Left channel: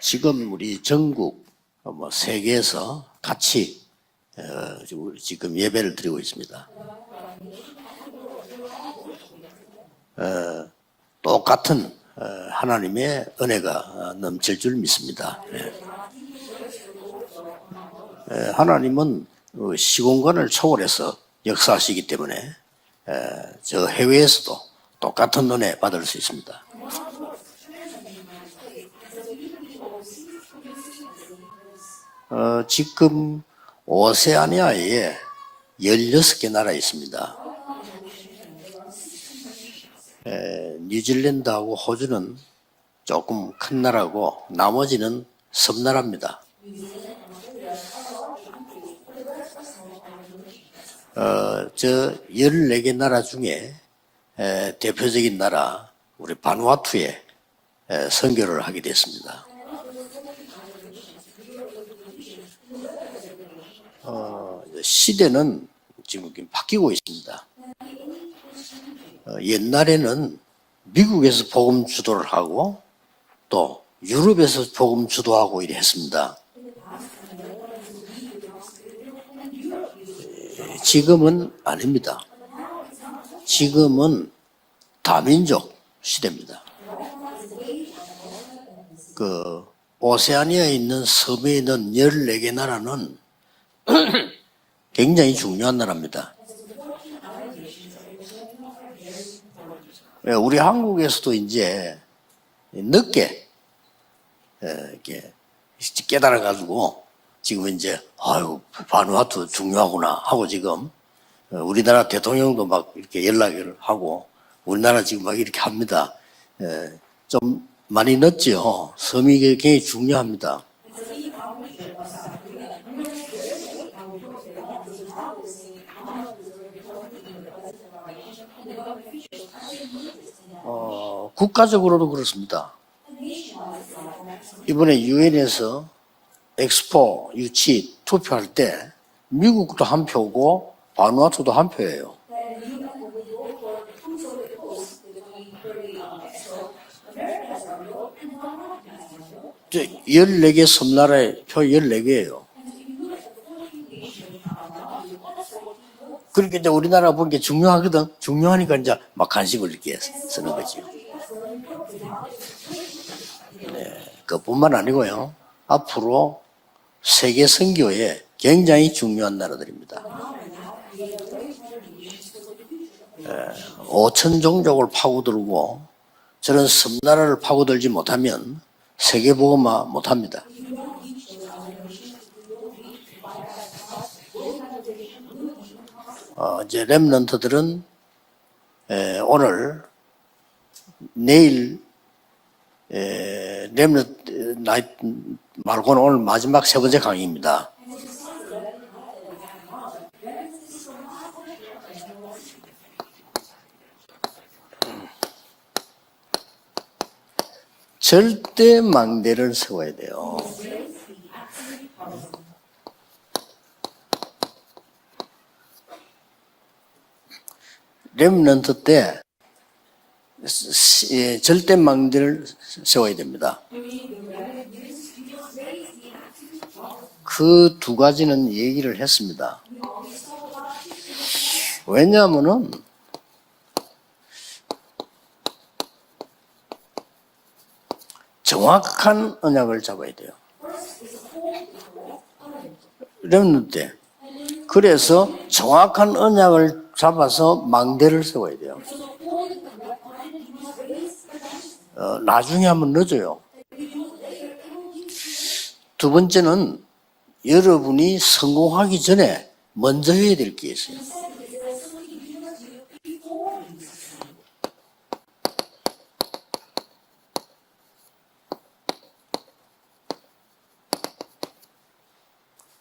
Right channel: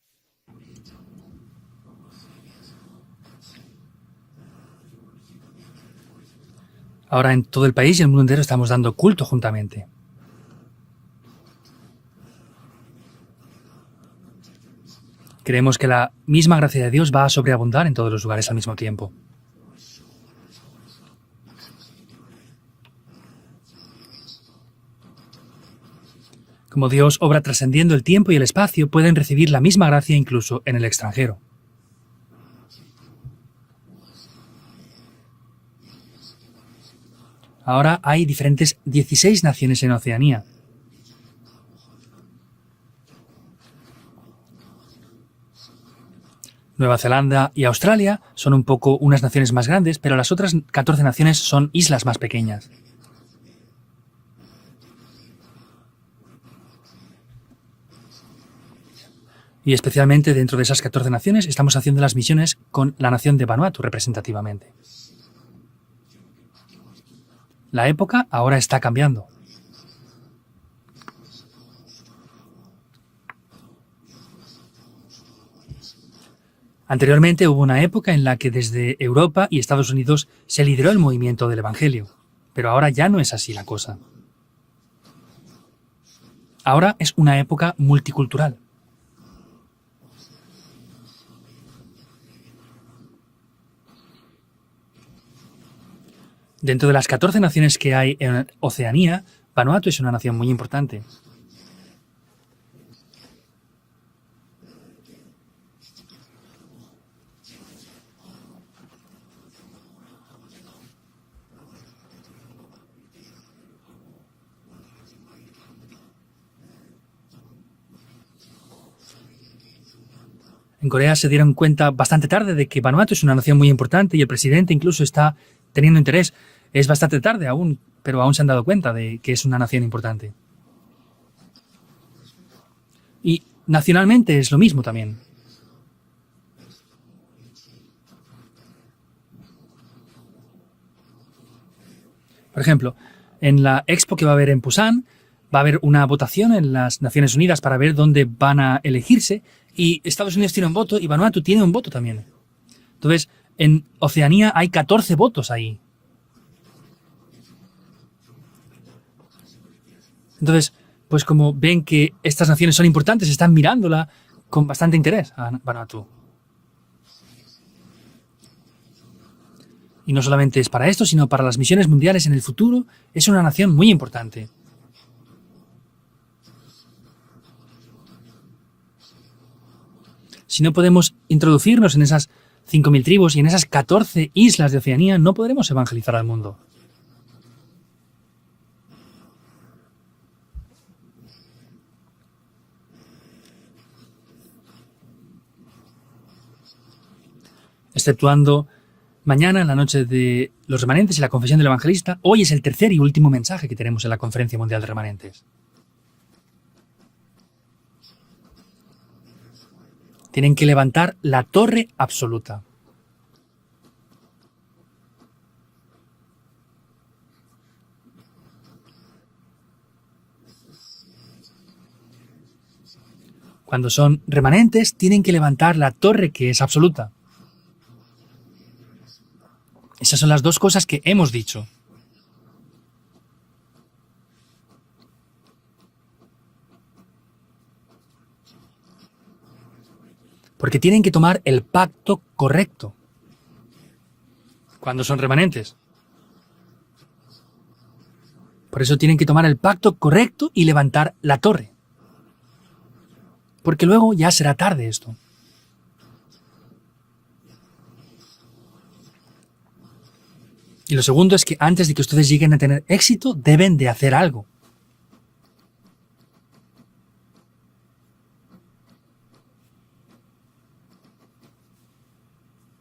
지금 우리 전국 세계에서 같이 지금 예배를 드리고 있습니다. Ahora en todo el país y el mundo entero estamos dando culto juntamente. 똑같은 하나님의 은혜가 넘칠 줄 믿습니다. Creemos que la misma gracia de Dios va a sobreabundar en todos los lugares al mismo tiempo. 하나님은 시공간을 초월해서 역사하시기 때문에 저 해외에서도 똑같은 은혜 받을 수 있습니다. Como Dios obra trascendiendo el tiempo y el espacio, pueden recibir la misma gracia incluso en el extranjero. 지금 오세아니아에 16개 나라 있습니다. Ahora hay diferentes 16 naciones en Oceanía. 뉴질랜드하고 호주는 조금 큰 나라고 나머지는 섬나라입니다. Nueva Zelanda y Australia son un poco unas naciones más grandes, pero las otras 14 naciones son islas más pequeñas. 14개 나라 중에 대표적인 나라 우리 바누아투에 선교를 하게 됐습니다. Y especialmente dentro de esas 14 naciones estamos haciendo las misiones con la nación de Vanuatu representativamente. 시대는 지금 바뀌고 있습니다. La época ahora está cambiando. 옛날에는 미국에서 복음 주도를 하고 또 유럽에서 복음 주도하고 이래 했습니다. Anteriormente hubo una época en la que desde Europa y Estados Unidos se lideró el movimiento del Evangelio. Pero ahora ya no es así la cosa. 지금은 다민족 시대입니다. Ahora es una época multicultural. 오세아니아에 있는 섬에 있는 14개 나라는 굉장히 중요한 나라입니다. Dentro de las 14 naciones que hay en Oceanía, Vanuatu es una nación muy 우리 importante. 한국에서도 이제 늦게 이렇게 깨달아가지고 지금 이제 아유 바누아투 중요하구나 하고 지금 우리나라 대통령도 막 이렇게 연락을 하고 우리나라 지금 막 이렇게 합니다. 좀 많이 늦죠. 섬이 굉장히 중요합니다. En Corea se dieron cuenta bastante tarde de que Vanuatu es una nación muy importante y el presidente incluso está teniendo interés. Es bastante tarde aún, pero aún se han dado cuenta de que es una nación importante. 국가적으로도 그렇습니다. Y nacionalmente es lo mismo. 이번에 también. 유엔에서 엑스포 유치 투표할 때 미국도 한 표고 바누아투도 한 표예요. Por ejemplo, en la expo que va a haber en Busan, va a haber una votación en las Naciones Unidas para ver dónde van a elegirse. Y Estados Unidos tiene un voto y Vanuatu tiene un voto también. Entonces, en Oceanía hay 14 votos ahí. 그러니까 이제 우리나라 보는 게 중요하거든. 중요하니까 이제 막 관심을 이렇게 Entonces, pues como ven que estas naciones son importantes, están mirándola con 그뿐만 bastante interés. 아니고요. 앞으로 세계 선교에 굉장히 중요한 나라들입니다. Y no solamente es para esto, sino para las misiones mundiales en el futuro, es una nación muy 5천 importante. 종족을 파고들고 저런 섬나라를 파고들지 못하면 세계 복음화 못합니다. Si no podemos introducirnos en esas 5.000 tribus y en esas 14 islas de Oceanía, no podremos evangelizar al mundo. 이제 렘넌트들은 오늘 내일 렘넌트 말고는 오늘 마지막 세 번째 강의입니다. Exceptuando mañana, en la noche de los remanentes y la confesión del evangelista, hoy es el tercer y último mensaje que tenemos en la Conferencia Mundial de Remanentes. 절대 망대를 세워야 돼요. Tienen que levantar la torre absoluta. 렘넌트 때 절대 망대를 세워야 됩니다. Cuando son remanentes, tienen que levantar la torre que es absoluta. 그 두 가지는 얘기를 했습니다. Esas son las dos cosas que hemos dicho. 왜냐하면은 정확한 언약을 잡아야 돼요. Porque tienen que tomar el pacto correcto. 렘넌트 때. 그래서 remanentes. 정확한 언약을 잡아서 망대를 세워야 돼요. Por eso tienen que tomar el pacto correcto y levantar la torre. 나중에 하면 늦어요. Porque luego ya será tarde esto. 두 번째는 여러분이 성공하기 전에 먼저 해야 될 게 있어요. Y lo segundo es que antes de que ustedes lleguen a tener éxito, deben de hacer algo.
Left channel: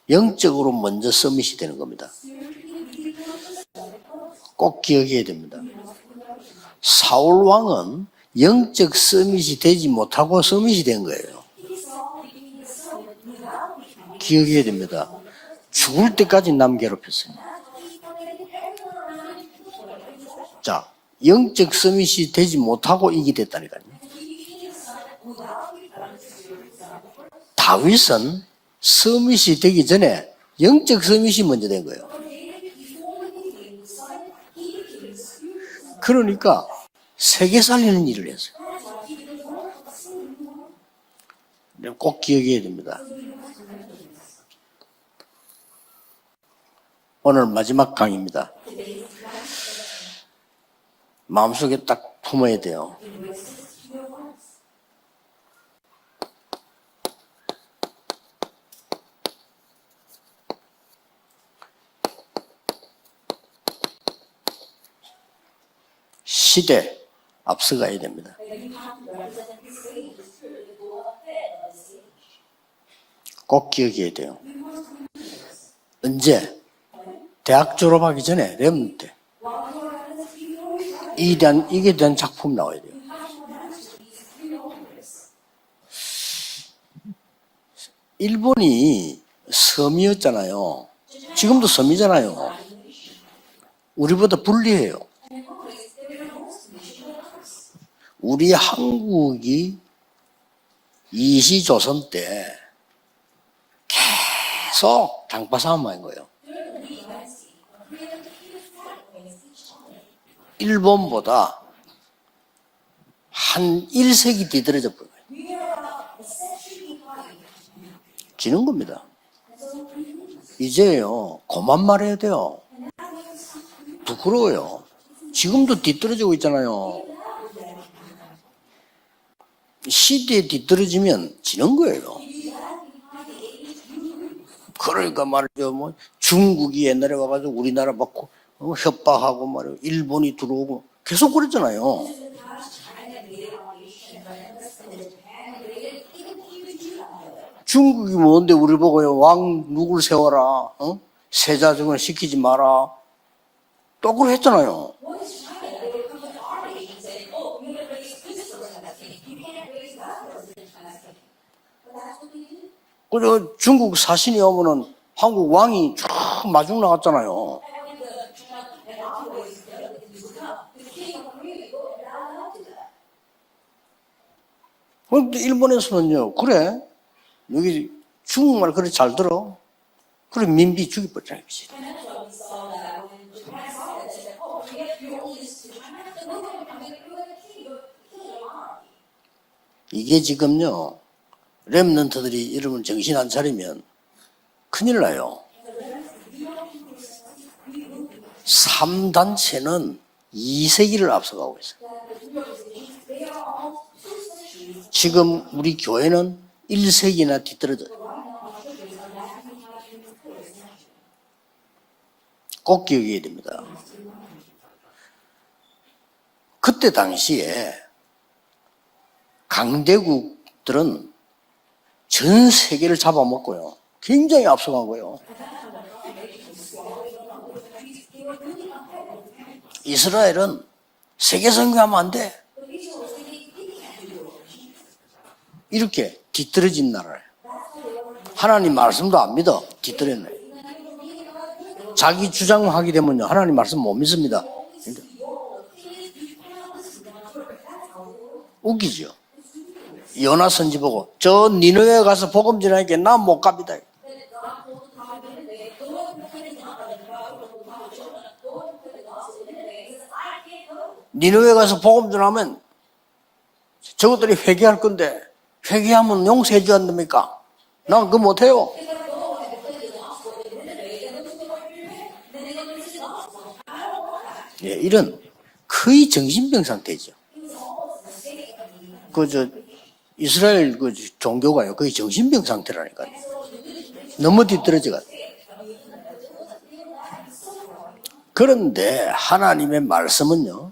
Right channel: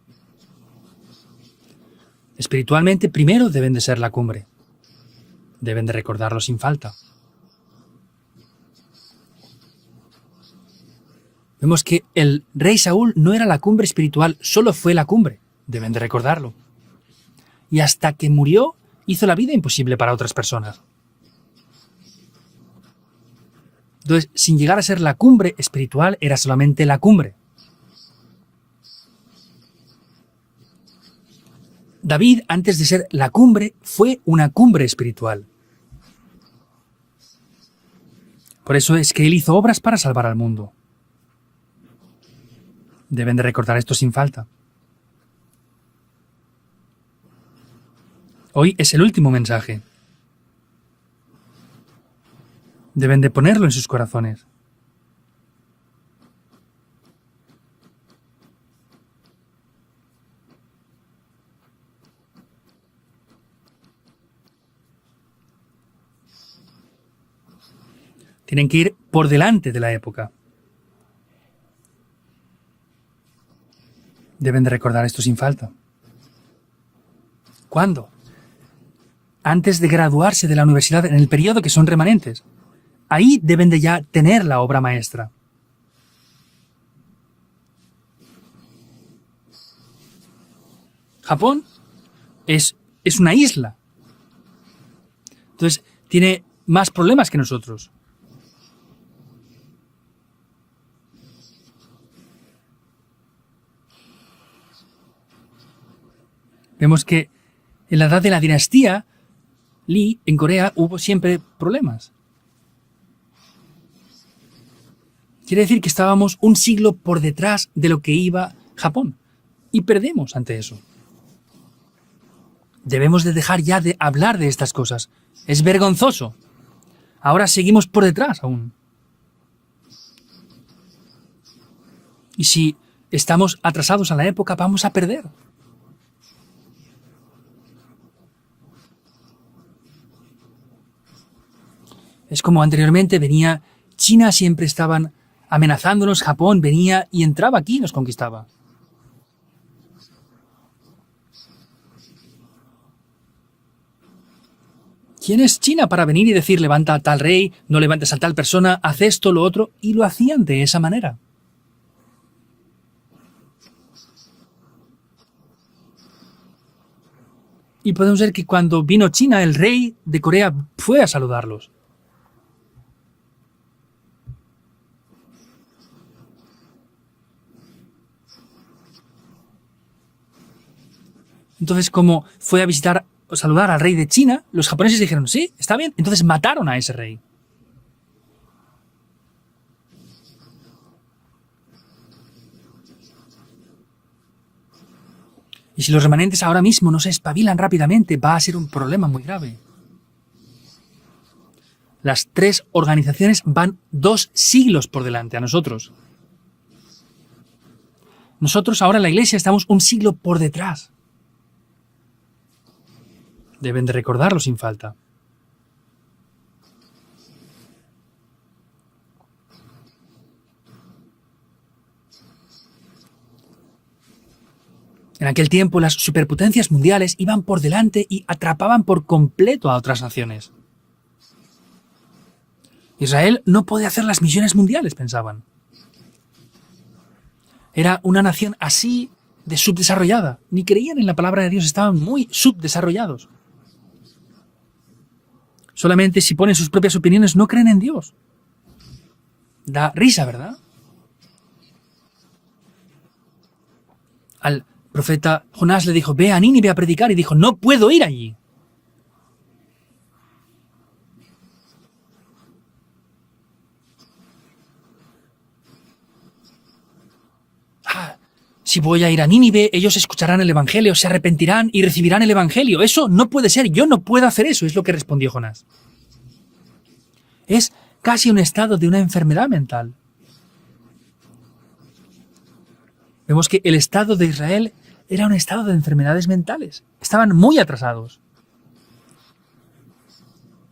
영적으로 먼저 서밋이 되는 겁니다. Espiritualmente, primero deben de ser la cumbre. 꼭 기억해야 됩니다. Deben de recordarlo sin falta. 사울 왕은 영적 서밋이 되지 못하고 서밋이 된 거예요. Vemos que el rey Saúl no era la cumbre espiritual, solo fue la cumbre. Deben de 죽을 때까지 recordarlo. 남 괴롭혔어요. Y hasta que murió, hizo la vida imposible para otras personas. 자, 영적 서밋이 되지 못하고 이게 됐다니까요. Entonces, sin llegar a ser la cumbre espiritual, era solamente la cumbre. 다윗은 서밋이 되기 전에 영적 서밋이 먼저 된 거예요. David, antes de ser la cumbre, fue una cumbre espiritual. 그러니까 세계 살리는 일을 했어요. Por eso es que él hizo obras para salvar al mundo. 꼭 기억해야 됩니다. Deben de recordar esto sin falta. 오늘 마지막 강의입니다. Hoy es el último mensaje. 마음속에 딱 품어야 돼요. Deben de ponerlo en sus corazones. 시대 앞서가야 됩니다. Tienen que ir por delante de la época. 꼭 기억해야 돼요. Deben de recordar esto sin falta. 언제? 대학 ¿Cuándo? 졸업하기 전에 렘넌트 Antes de graduarse de la universidad en el periodo que son 이게 된 remanentes, 작품 나와야 돼요. ahí deben de ya tener la obra maestra. 일본이 섬이었잖아요. Japón 지금도 섬이잖아요. es una isla. 우리보다 불리해요. Entonces, tiene más problemas que nosotros. 우리 한국이 이시조선 때 계속 장파 싸움한 거예요. Vemos que en la edad de la dinastía Lee, en Corea, hubo siempre 일본보다 problemas. 한 1세기 뒤떨어져 버려요. Quiere decir que estábamos un siglo por detrás de lo que iba 지는 겁니다. Japón. Y perdemos ante eso. 이제요, 그만 말해야 돼요. Debemos de dejar ya de hablar de estas cosas. Es 지금도 vergonzoso. 뒤떨어지고 있잖아요. Ahora seguimos por detrás aún. 시대에 뒤떨어지면 지는 거예요. Y si estamos atrasados a la época, vamos a perder. 그러니까 말이죠. 뭐 중국이 옛날에 와가지고 우리나라 막 협박하고 말이요. 일본이 들어오고 계속 그랬잖아요. Es como anteriormente venía China, siempre estaban amenazándonos, Japón venía y entraba aquí y nos 중국이 conquistaba. 뭔데 우리 보고요. 왕 누굴 세워라. 세자증을 시키지 마라. 또 그걸 했잖아요. ¿Quién es China para venir y decir levanta a tal rey, no levantes a tal persona, haz esto, lo otro? Y lo hacían de esa manera. 그리고 중국 사신이 오면은 한국 왕이 쭉 마중 나갔잖아요. Y podemos ver que cuando vino China, el rey de Corea fue a saludarlos. 근데 일본에서는요. 그래. 여기 중국말 그래 잘 들어. 그래 민비 죽여버리잖아요. Entonces, como fue a visitar o saludar al rey de China, los japoneses dijeron, sí, está bien. Entonces mataron a ese rey. 이게 지금요. 렘넌트들이 이러면 정신 안 차리면 큰일 나요. Y si los remanentes ahora mismo no se espabilan rápidamente, va a ser un problema muy grave. 3단체는 2세기를 앞서가고 있어요. Las tres organizaciones van 2 siglos por 지금 delante a 우리 nosotros. 교회는 1세기나 뒤떨어져요. Nosotros ahora en la iglesia estamos un siglo por detrás. 꼭 기억해야 됩니다. Deben de recordarlo sin falta. 그때 당시에 강대국들은 전 세계를 잡아먹고요. 굉장히 앞서간 거예요. En aquel tiempo las superpotencias mundiales iban por delante y atrapaban por completo a otras naciones. 이스라엘은 세계 선교하면 안 돼. Israel no puede hacer las misiones mundiales, pensaban. 이렇게 뒤떨어진 나라예요. Era una nación 하나님 así 말씀도 안 믿어. de subdesarrollada. Ni creían en la palabra de Dios, estaban muy 자기 주장을 하게 subdesarrollados. 되면요. 하나님 말씀 못 믿습니다. Solamente si ponen sus propias opiniones no creen en Dios. 웃기죠. Da risa. 요나 선지 보고 저 니느웨 가서 복음 전하니까 난 못 갑니다. Al profeta Jonás le dijo, ve a Nínive a predicar, y dijo, no puedo ir allí. 니느웨 가서 복음 전하면 저것들이 회개할 건데 회개하면 용서해 주 않습니까? 난 그거 못해요. Si voy a ir a Nínive, ellos escucharán el Evangelio, se arrepentirán y recibirán el Evangelio. Eso no puede ser, yo no puedo hacer eso, es lo que 이런 respondió Jonás. 거의 정신병 상태죠. Es casi un estado de una enfermedad mental. 이스라엘 그 종교가요 거의 정신병 상태라니까요. Vemos que el estado de 너무 Israel 뒤떨어져가지고. era un estado de enfermedades mentales. Estaban muy atrasados. 그런데 하나님의 말씀은요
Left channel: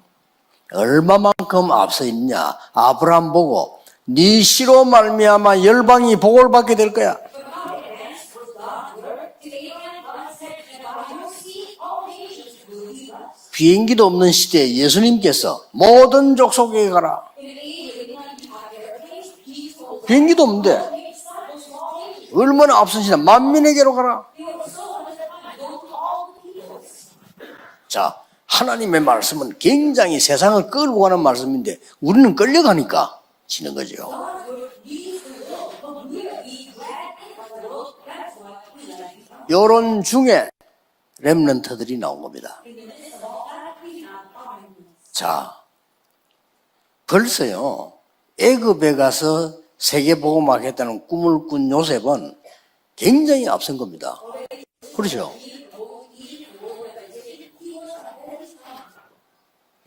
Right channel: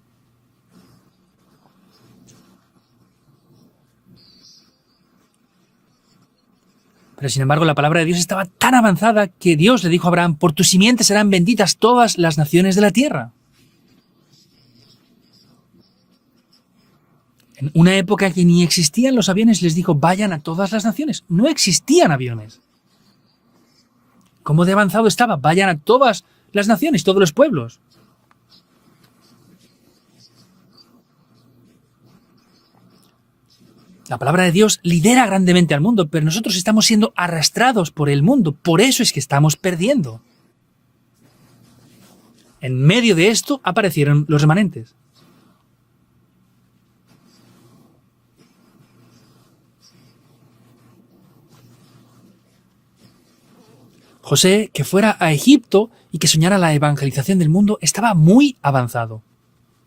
얼마만큼 앞서 있냐. 아브라함 보고 네 씨로 말미암아 열방이 복을 받게 될 거야. Pero sin embargo, la palabra de Dios estaba tan avanzada que Dios le dijo a Abraham, por tu simiente serán benditas todas las naciones de la tierra. 비행기도 없는 시대에 예수님께서 모든 족속에 가라. Una época que ni existían los aviones, les dijo, vayan a 비행기도 todas 없는데. las naciones. No existían aviones. 얼마나 앞서시나 만민에게로 가라. ¿Cómo de avanzado estaba? Vayan a todas las naciones, todos los pueblos. 자, 하나님의 말씀은 굉장히 세상을 끌고 가는 말씀인데 우리는 끌려가니까 지는 거죠. La palabra de Dios lidera grandemente al mundo, pero nosotros estamos siendo arrastrados por el mundo. Por eso es que estamos 이런 perdiendo. 중에 렘넌트들이 나온 겁니다. En medio de esto aparecieron los remanentes. 자, 벌써요. 애굽에 가서 세계복음화하겠다는 꿈을 꾼 요셉은 굉장히 앞선 겁니다. José, que fuera a Egipto y que soñara la evangelización del mundo, estaba muy avanzado.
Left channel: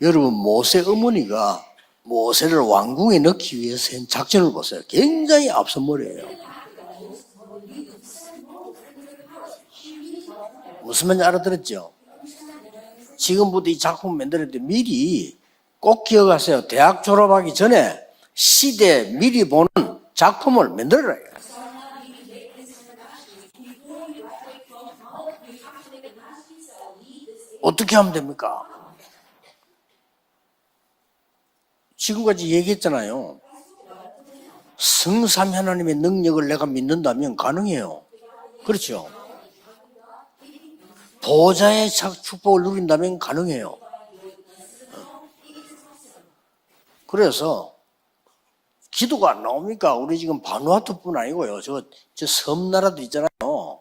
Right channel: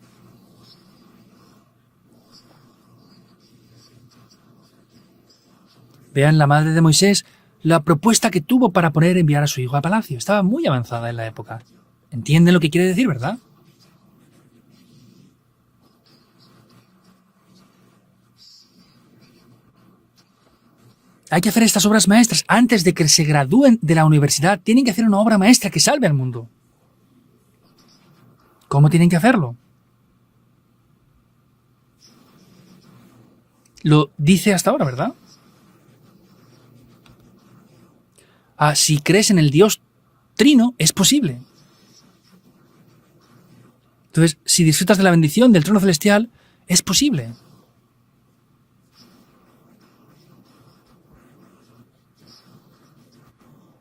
여러분 모세 어머니가 모세를 왕궁에 넣기 위해서 한 작전을 보세요. 굉장히 앞선 머리예요. Vean la madre de Moisés, la propuesta que tuvo para poder enviar a su hijo a palacio. Estaba muy 무슨 avanzada. 말인지 알아들었죠? ¿Entienden lo que quiere decir, verdad? 지금부터 이 작품 만들 때 미리 꼭 기억하세요. 대학 졸업하기 전에 시대 미리 보는 작품을 만들어야 해요. Hay que hacer estas obras maestras. Antes de que se gradúen de la universidad, tienen que hacer una obra maestra que salve al mundo. 어떻게 하면 됩니까? ¿Cómo tienen que hacerlo? 지금까지 얘기했잖아요. Lo dice hasta ahora, ¿verdad? 성삼위 하나님의 능력을 내가 믿는다면 가능해요. Ah, si crees en el Dios trino, es posible. 보좌의 축복을 누린다면 가능해요. Entonces, si disfrutas de la bendición del trono celestial, es posible. 그래서 기도가 안 나옵니까? 우리 지금 바누아투뿐 아니고요. 저 섬나라들 있잖아요.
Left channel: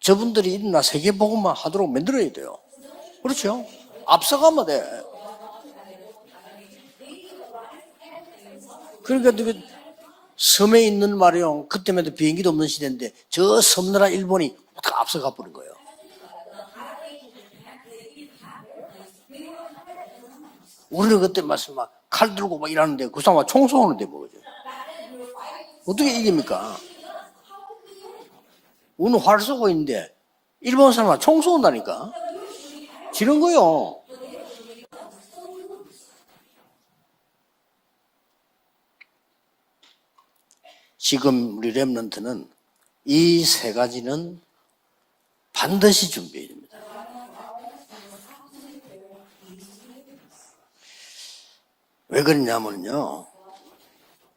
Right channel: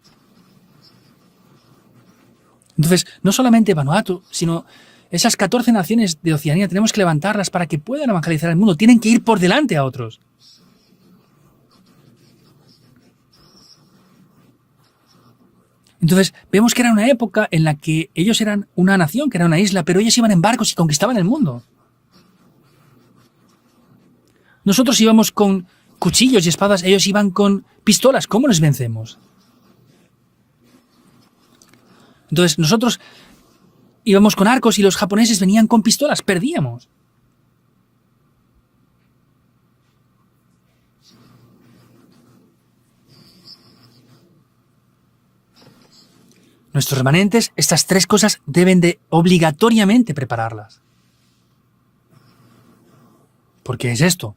저분들이 일어나 세계복음만 하도록 만들어야 돼요. Entonces, no solamente Vanuatu, 앞서가면 sino 돼. esas 14 naciones de Oceanía tenemos que levantarlas para que puedan evangelizar al mundo. Tienen que ir por delante a otros. 섬에 있는 말이요. 그때만 해도 비행기도 없는 시대인데 저 섬나라 일본이 앞서가 버린 거예요. Entonces, vemos que era una época en la que ellos eran una nación, que era una isla, pero ellos iban en barcos y conquistaban 우리가 el 그때 mundo. 칼 들고 막 일하는데 그 사람 총 쏘는데 뭐죠? Nosotros íbamos con 어떻게 cuchillos y 이깁니까? espadas, ellos iban con pistolas. ¿Cómo les vencemos? 우리는 활 쏘고 있는데 일본 사람은 총 쏜다니까. Entonces, nosotros 지는 거요. íbamos con arcos y los japoneses venían con pistolas. Perdíamos. 지금 우리 렘넌트는 이 세 가지는 반드시 준비해야 됩니다. Nuestros remanentes, estas tres cosas deben de obligatoriamente prepararlas. 왜 그러냐면요. ¿Por qué es esto?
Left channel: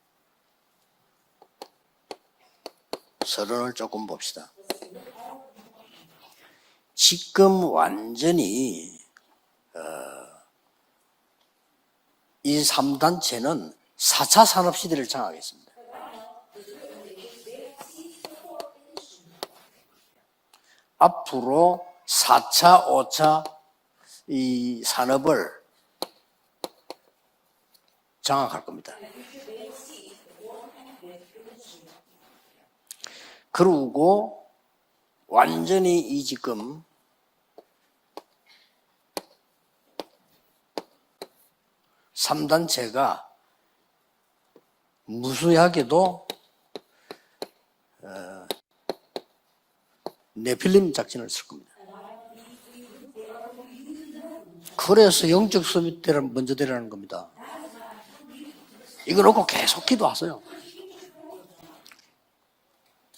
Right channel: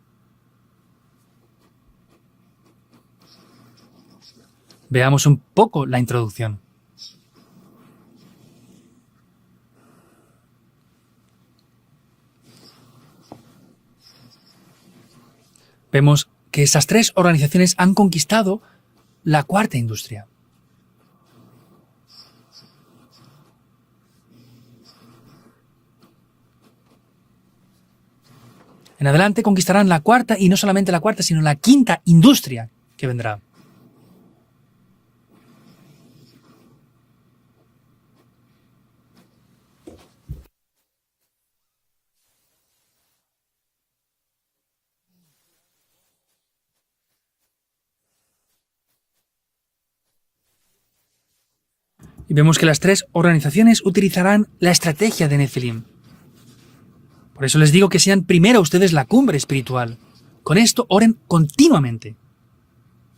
서론을 조금 봅시다. Veamos un poco la introducción. 지금 완전히 이 3단체는 4차 산업시대를 장악했습니다. Vemos que estas tres organizaciones han conquistado la cuarta industria. 앞으로 4차, 5차 이 산업을 장악할 겁니다. En adelante conquistarán la cuarta y no solamente la cuarta, sino la quinta industria que vendrá. 그리고 완전히 이 지금 삼단체가 무수하게도 네필림 작전을 쓸 겁니다. Y vemos que las tres organizaciones utilizarán la 그래서 estrategia de 영적 Nefilim. 수비대를 먼저 되라는 겁니다. Por eso les digo que sean primero ustedes la 이걸 cumbre 놓고 계속 espiritual. 기도하세요. Con esto oren continuamente.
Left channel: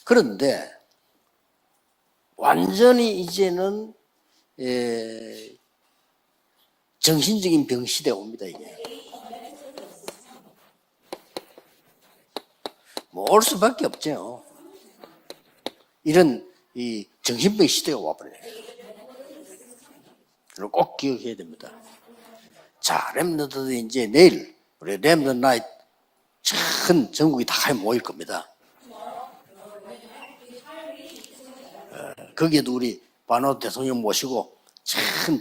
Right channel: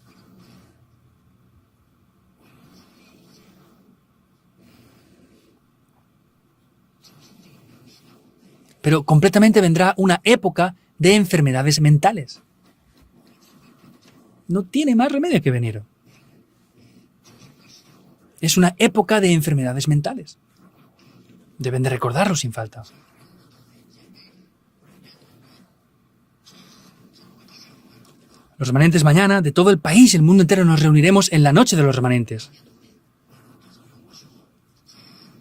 그런데 완전히 이제는 정신적인 병 시대가 옵니다. 이게. Pero completamente vendrá una época de enfermedades mentales. 뭐 올 수밖에 없죠. No tiene más remedio que venir. 이런 이 정신병 시대가 와버려요. Es una época de enfermedades mentales. 그걸 꼭 기억해야 됩니다. Deben de recordarlo sin falta. 자, 렘넌트도 이제 내일 우리 렘넌트 나이트 전 전국이 다 모일 겁니다. Los remanentes mañana, de todo el país, el mundo entero, nos reuniremos en la noche de los remanentes. 거기에도 우리 바노 대통령 모시고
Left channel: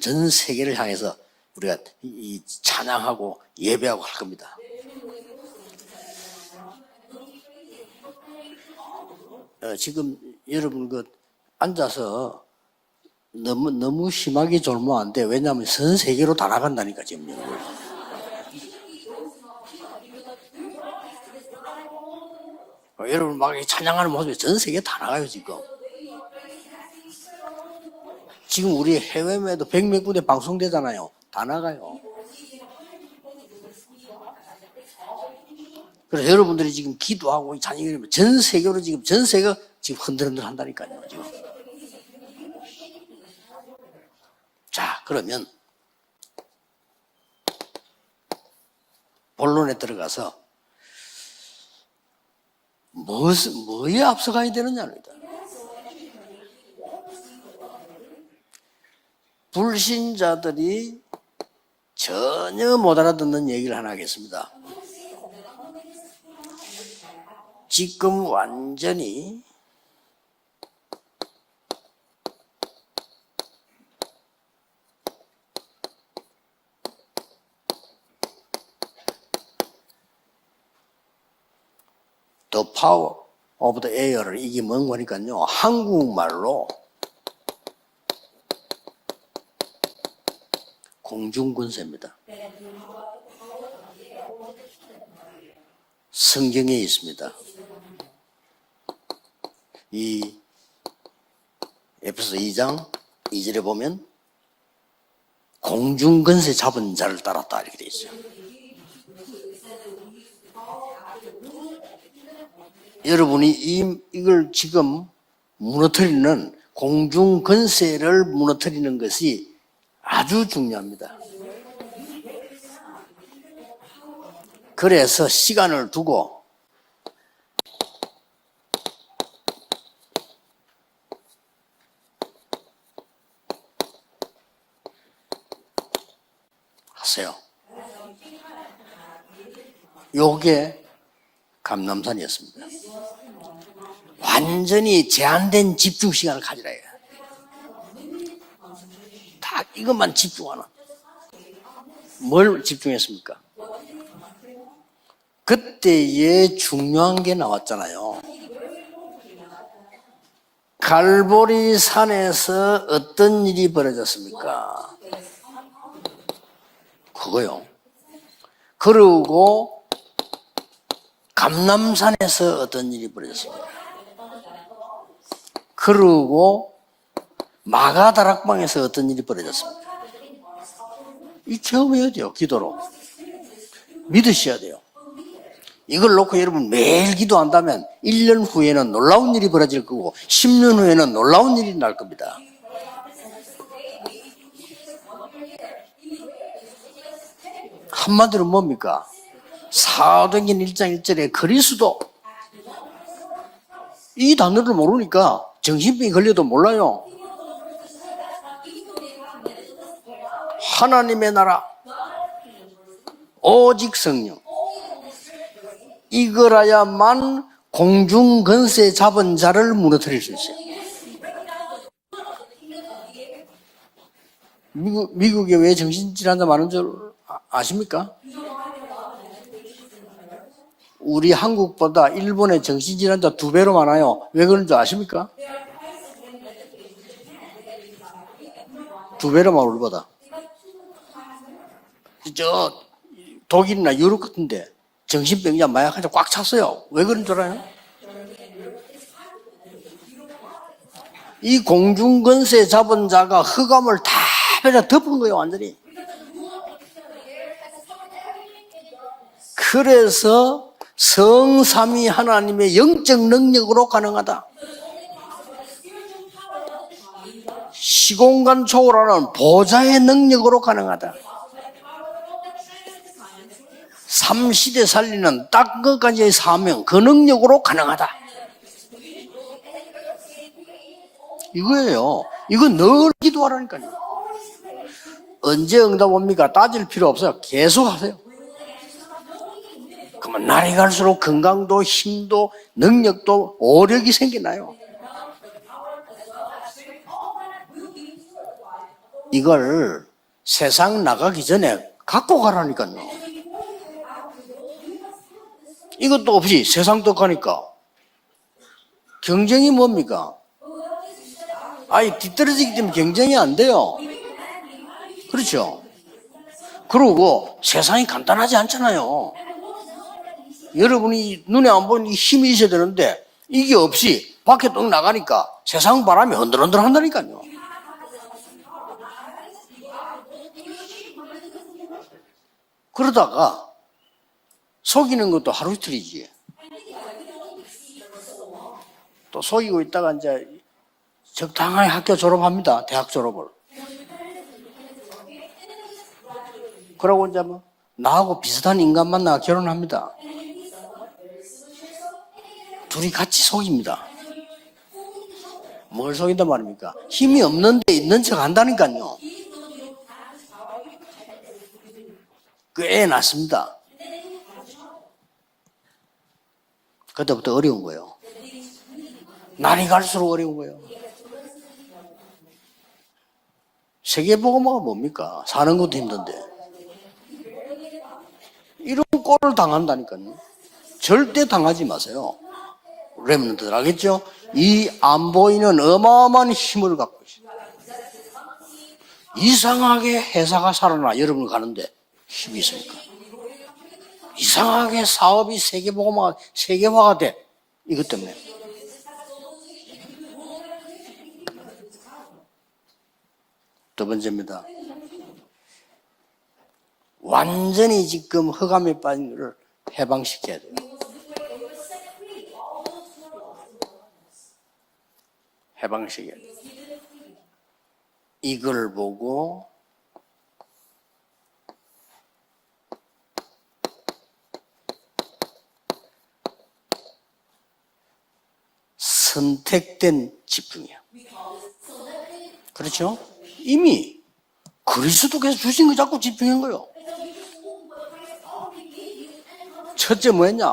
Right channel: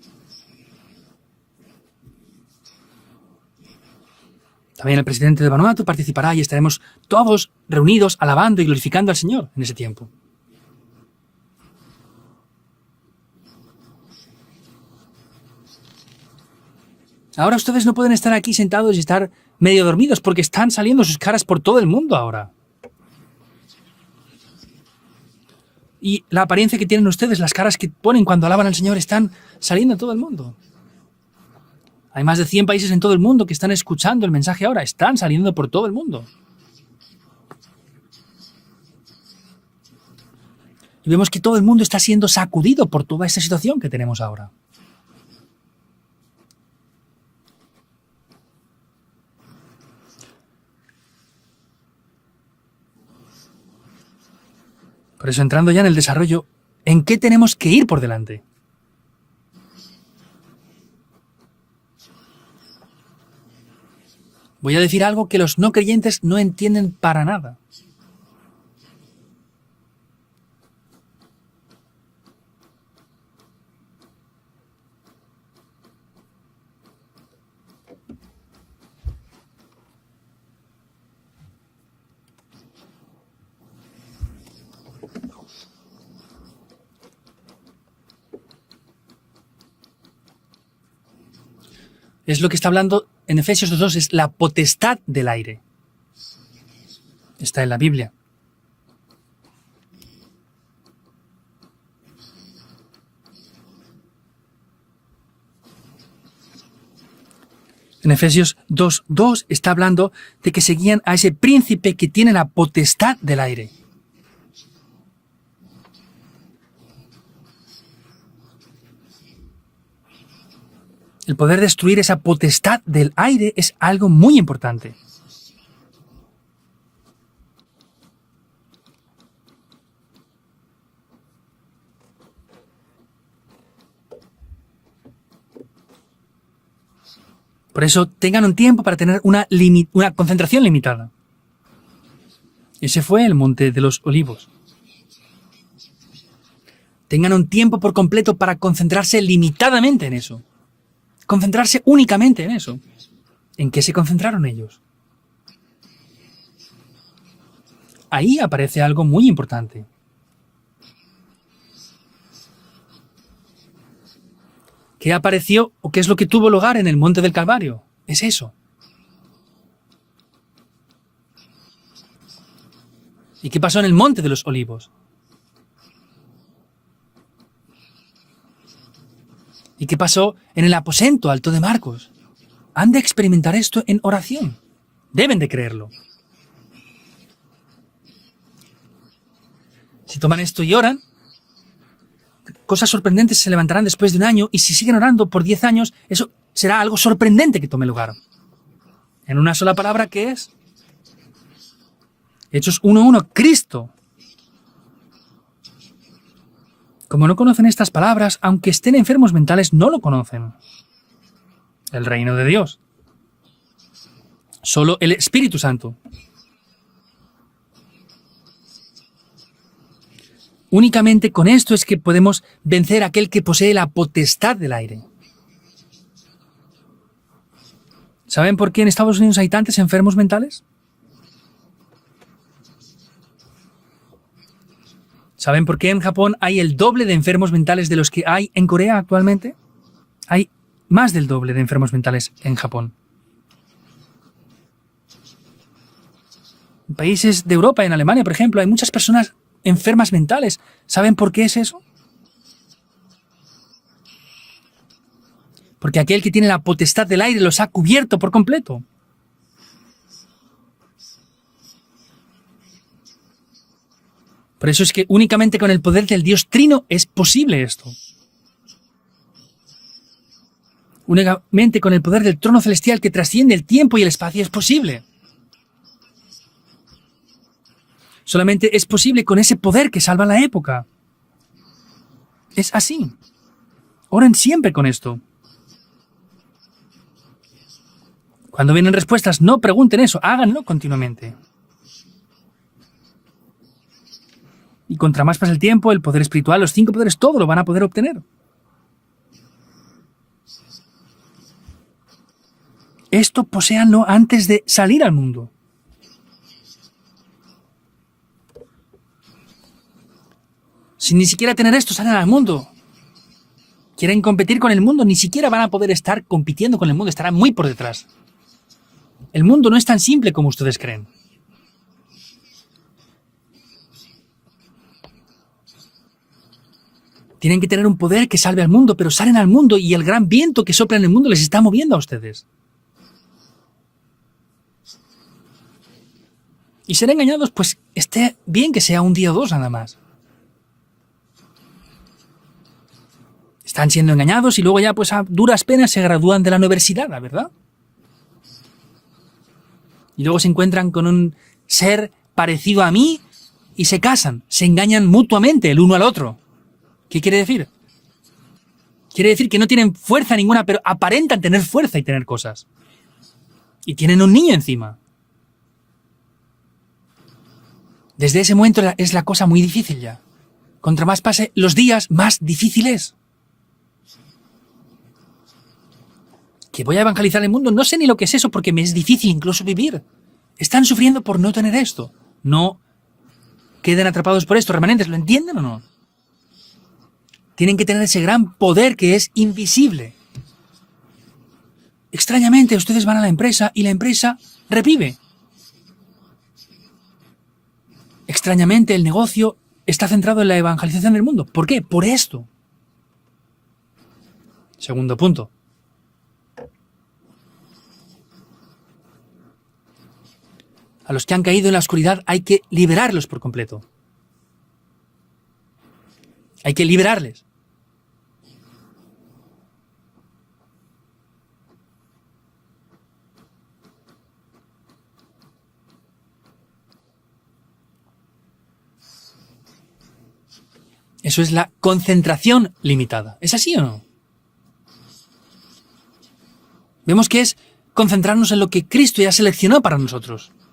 전 세계를 향해서 우리가 이 찬양하고 예배하고 할 겁니다. También el presidente de Vanuatu participará y estaremos todos reunidos alabando y glorificando al Señor en ese tiempo. 지금 여러분 그 앉아서 너무 심하게 졸면 안 돼. 왜냐하면 전 세계로 다 나간다니까 지금. Ahora ustedes no pueden estar aquí sentados y estar medio dormidos porque están saliendo sus caras por todo el mundo ahora. 여러분 막 찬양하는 모습이 전 세계 다 나가요 지금. Y la apariencia que tienen ustedes, las caras que ponen cuando alaban al 지금 Señor, 우리 están 해외에도 saliendo en todo el 100몇 군데 mundo. 방송되잖아요. 다 나가요. Hay más de 100 países en todo el mundo que están escuchando el mensaje ahora, están saliendo por todo el mundo. 그래서 여러분들이 지금 기도하고 찬양하면 전 세계로 전 세계가 지금 흔들흔들 한다니까요. Y vemos que todo el mundo está siendo sacudido por toda esta situación que tenemos ahora. 자, 그러면 본론에 들어가서 뭐에 앞서가야 되느냐입니다. Por eso, entrando ya en el desarrollo, ¿en qué tenemos que ir por delante? 불신자들이 전혀 못 알아듣는 얘기를 하나 하겠습니다. Voy a decir algo que los no creyentes no entienden para nada. 지금 완전히 The Power of the Air를 이게 뭔 거니까요. 한국말로 공중군세입니다. Es lo que está hablando en Efesios 2:2, es la potestad del aire. 성경에 있습니다. Está en la Biblia. 이 에베소 2장 2절에 보면 공중근세 잡은 자를 따랐다 이렇게 돼 있어요. En Efesios 2:2 está hablando de que seguían a ese príncipe que tiene la potestad del 여러분이 aire. 이걸 지금 무너뜨리는 공중근세를 무너뜨리는 것이 아주 중요합니다. El poder destruir esa potestad del aire es algo muy importante. 그래서 시간을 두고 하세요. Por eso tengan un tiempo para tener una concentración limitada. 감람산이었습니다. Ese fue el monte de los olivos. 완전히 제한된 집중 시간을 가지라 해요. Tengan un tiempo por completo para concentrarse limitadamente en 그것만 eso. 집중하나. Concentrarse únicamente en 뭘 eso. 집중했습니까? ¿En qué se concentraron ellos? 그때에 중요한 게 나왔잖아요. Ahí aparece algo muy importante. 갈보리 산에서 어떤 일이 벌어졌습니까? ¿Qué apareció o qué es lo que tuvo lugar en el monte del Calvario? Es eso. 그리고 감람산에서 어떤 일이 ¿Y 벌어졌습니까? qué pasó en el monte de los olivos? 그리고 마가다락방에서 어떤 일이 벌어졌습니까? ¿Y qué pasó en el aposento alto de Marcos? 경험해야 돼요. 기도로. Han de experimentar esto en 믿으셔야 oración. 돼요. Deben de creerlo. 이걸 놓고 여러분 매일 기도한다면 1년 후에는 놀라운 일이 벌어질 거고 tomar esto 10년 y oran, 후에는 놀라운 일이 날 겁니다. Cosas sorprendentes se levantarán después de un año y si siguen orando por 10 años, eso será algo sorprendente que tome lugar. 한마디로 뭡니까? En una sola palabra que es 사도행전 1장 1절에 그리스도 Hechos 1:1, Cristo. 이 단어를 모르니까 정신병이 걸려도 몰라요. Como no conocen estas palabras, aunque estén enfermos mentales, no lo conocen. 하나님의 나라 El reino de Dios. 오직 성령 Solo el Espíritu Santo. 이거라야만 공중근세 잡은 자를 무너뜨릴 수 있어요. Únicamente con esto es que podemos vencer a aquel que posee la potestad del aire. 미국에 왜 정신질환자 많은 줄 아십니까? ¿Saben por qué en Estados Unidos hay tantos enfermos mentales? 우리 한국보다 일본의 정신질환자 2배로 많아요. 왜 그런 줄 아십니까? ¿Saben por qué en Japón hay el doble de enfermos mentales de los que hay en Corea actualmente? 2배로 많아 우리보다. Hay más del doble de enfermos mentales en Japón. 독일이나 유럽 같은데 정신병자 마약환자 꽉 찼어요. 왜 그런 줄 Países de 알아요? Europa, en Alemania, por ejemplo, hay muchas personas enfermas mentales. ¿Saben por qué es 이 eso? 공중근세 잡은 자가 흑암을 다 배다 덮은 거예요, 완전히. Porque aquel que tiene la potestad del aire los ha cubierto por completo. 그래서 성삼위 하나님의 영적 능력으로 가능하다. Por eso es que únicamente con el poder del Dios Trino es posible esto. 시공간 초월하는 보좌의 능력으로 가능하다. Únicamente con el poder del trono celestial que trasciende el tiempo y el espacio es 삼시대 posible. 살리는 딱 그까지의 사명, 그 능력으로 가능하다. Solamente es posible con ese poder que salva la época. 이거예요. 이거 Es así. 늘 기도하라니까요. Oren siempre con esto. 언제 응답 옵니까? 따질 필요 없어요. 계속 하세요. Cuando vienen respuestas, no pregunten eso, hagan 날이 algo. 갈수록 건강도 힘도 능력도 오력이 생기나요. Y contra más pasa el tiempo, el poder espiritual, los 5 poderes, todo lo van a poder obtener. 이걸 세상 나가기 전에 갖고 가라니까요. Esto poséanlo antes de salir al mundo. 이것도 없이 세상 떡하니까 경쟁이 뭡니까? Sin ni siquiera tener esto, 아니 salen al mundo. 뒤떨어지기 때문에 경쟁이 안 돼요. Quieren competir con el mundo, ni siquiera van a poder estar compitiendo con el mundo, estarán muy 그리고 por detrás. 세상이 간단하지 않잖아요. El mundo no es tan simple como ustedes creen. 여러분이 눈에 안 보이는 이 힘이 있어야 되는데 이게 없이 밖에 똥 나가니까 세상 바람이 흔들흔들 한다니까요. Tienen que tener un poder que salve al mundo, pero salen al mundo y el gran viento que sopla en el mundo les está moviendo a ustedes. 그러다가 속이는 것도 하루 이틀이지. Y ser engañados, pues esté bien que sea un día o dos nada 속이고 más. 있다가 이제 적당히 학교 졸업합니다. 대학 졸업을. Están siendo engañados y luego ya pues a duras penas se gradúan de la universidad, 그러고 이제 ¿verdad? 뭐 나하고 비슷한 인간 만나 결혼합니다. Y luego se encuentran con un ser parecido a 둘이 mí 같이 y se 속입니다. casan, se engañan mutuamente el uno al otro. 속인단 말입니까? ¿Qué 힘이 quiere decir? 없는데 있는 척 한다니까요. Quiere decir que no tienen fuerza ninguna, pero aparentan tener fuerza y tener cosas. 그 애 낳습니다. Y tienen un niño encima. 그때부터 어려운 거예요. Desde ese momento es la cosa muy 날이 difícil. ya. 갈수록 어려운 거예요. Contra más pase los días, más difícil es. 세계복음화가 뭡니까? 사는 것도 힘든데. Que voy a evangelizar el mundo, no sé ni lo que es eso porque me es 이런 difícil 꼴을 incluso vivir. 당한다니까요. Están sufriendo por 절대 no tener 당하지 esto. 마세요. No 렘넌트들 queden 알겠죠? atrapados por esto, 이 remanentes, ¿lo 안 entienden? 보이는 어마어마한 힘을 갖고 있어요. tienen que tener ese gran poder que es invisible. 이상하게 회사가 살아나 여러분 가는데 Extrañamente, ustedes van a la empresa y la empresa 이상하게 revive. 사업이 세계화가 돼. 이것 때문에. Extrañamente, el negocio está centrado en la evangelización del mundo. ¿Por qué? Por esto. 두 번째입니다. Segundo punto. 완전히 지금 흑암에 빠진 것을 해방시켜야 돼요. A los que han caído en la oscuridad hay que liberarlos por completo. 해방시켜야 돼요. Hay que liberarles. 이걸 보고 선택된 집중이야. Eso es la concentración 그렇죠? limitada. ¿Es así o no? 이미 그리스도께서 주신 거 자꾸 집중한 거예요. Vemos que es concentrarnos en lo que Cristo ya seleccionó para 첫째 nosotros. 뭐였냐?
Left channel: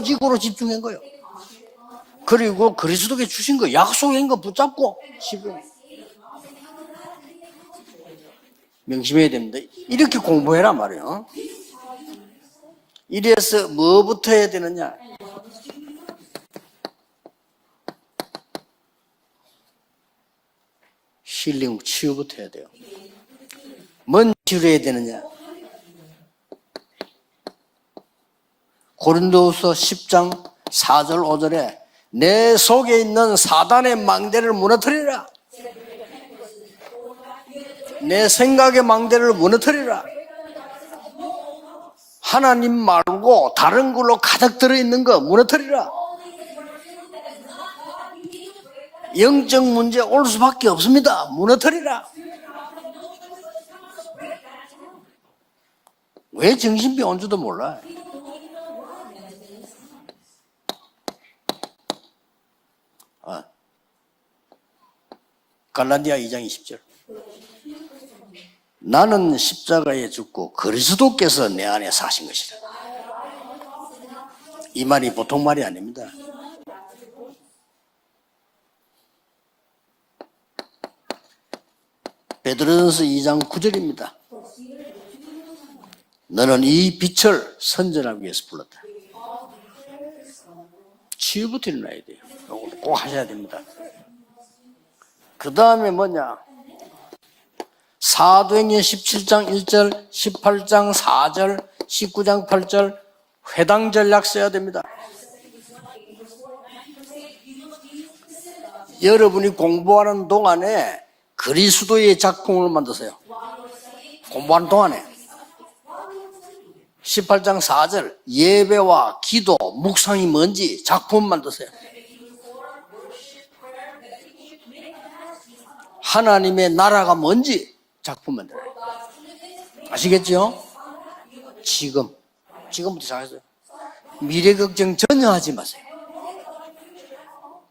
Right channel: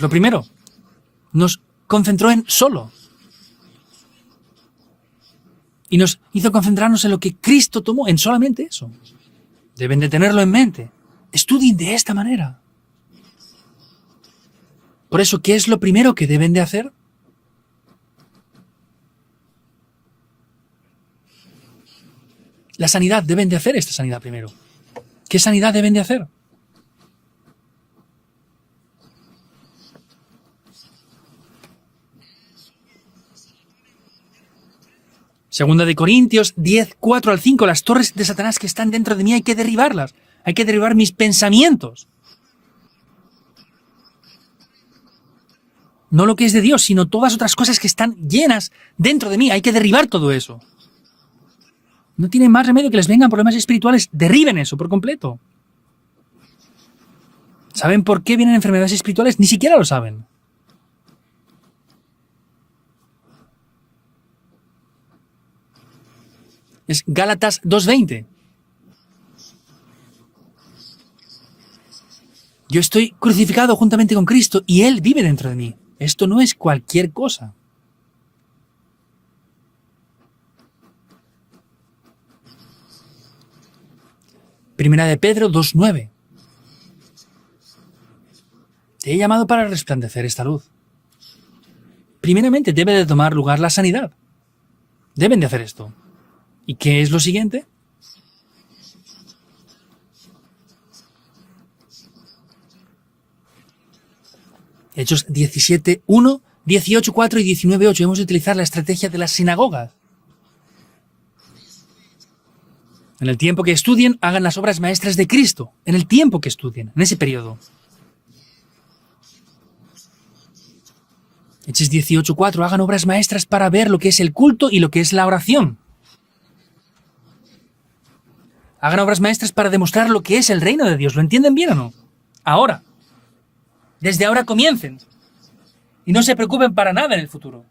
lo primero? 오직으로 집중한 거예요. Nos concentró en 그리고 solo 그리스도께 주신 거 약속한 거 붙잡고 집중. y nos hizo concentrarnos en lo que Cristo tomó, en solamente eso. 명심해야 됩니다. Deben de 이렇게 tenerlo en 공부해라 mente. 말이에요. Estudien de esta manera. 이래서 뭐부터 해야 되느냐? Por eso, ¿qué es lo primero que deben de hacer? 힐링 치유부터 해야 돼요. La sanidad, deben de hacer esta sanidad 뭔 primero. 치료해야 되느냐? ¿Qué sanidad deben de hacer? 고린도후서 10장 4절 5절에 내 속에 있는 사단의 망대를 무너뜨리라. Segunda de Corintios 10, 4 al 5, las torres de Satanás que están dentro de mí hay que derribarlas. Hay que derribar mis pensamientos. 하나님 말고 다른 걸로 가득 들어있는 거 무너뜨리라. No lo que es de Dios, sino todas otras cosas que están llenas dentro de mí. Hay 영적 que 문제 derribar 올 todo eso. 수밖에 없습니다. 무너뜨리라. No tiene más remedio que les vengan problemas espirituales. Derriben eso por completo. 왜 정신병 온 줄도 몰라. ¿Saben por qué vienen enfermedades espirituales? Ni siquiera lo saben. 갈라디아 2장 20절. Es Gálatas 2:20. 나는 십자가에 죽고 그리스도께서 내 안에 사신 것이다. Yo estoy crucificado juntamente con Cristo y Él 말이 vive 보통 dentro 말이 de mí. 아닙니다. Esto no es cualquier cosa. 베드로전서 2장 9절입니다. Primera de Pedro 2:9. 너는 이 빛을 선전하기 위해서 불렀다. Te he llamado para resplandecer esta luz. 치유부터 일어나야 돼요. Primeramente debe de tomar lugar la sanidad. Deben de 그 hacer 다음에 esto. 뭐냐? ¿Y qué es lo siguiente? 사도행전 17장 1절, 18장 4절, 19장 8절 회당 전략 써야 됩니다. Hechos 17:1, 18:4 y 19:8. Hemos de utilizar la estrategia de las 여러분이 sinagogas. 공부하는 동안에 그리스도의 작품을 만드세요. En el tiempo que estudien, hagan las obras maestras de Cristo. En el tiempo que estudien, en ese periodo. 18장 4절 예배와 기도, 묵상이 뭔지 작품 만드세요. Hechos 18:4. Hagan obras maestras para ver lo que es el culto y lo que es la oración. 하나님의 나라가 뭔지 작품 만들어요. Hagan obras maestras para demostrar lo que es el reino de Dios. ¿Lo entienden bien o no? 지금 Ahora, 지금부터 시작했어요. desde ahora 미래 comiencen. 걱정 전혀 하지 마세요. Y no se preocupen para nada en el futuro.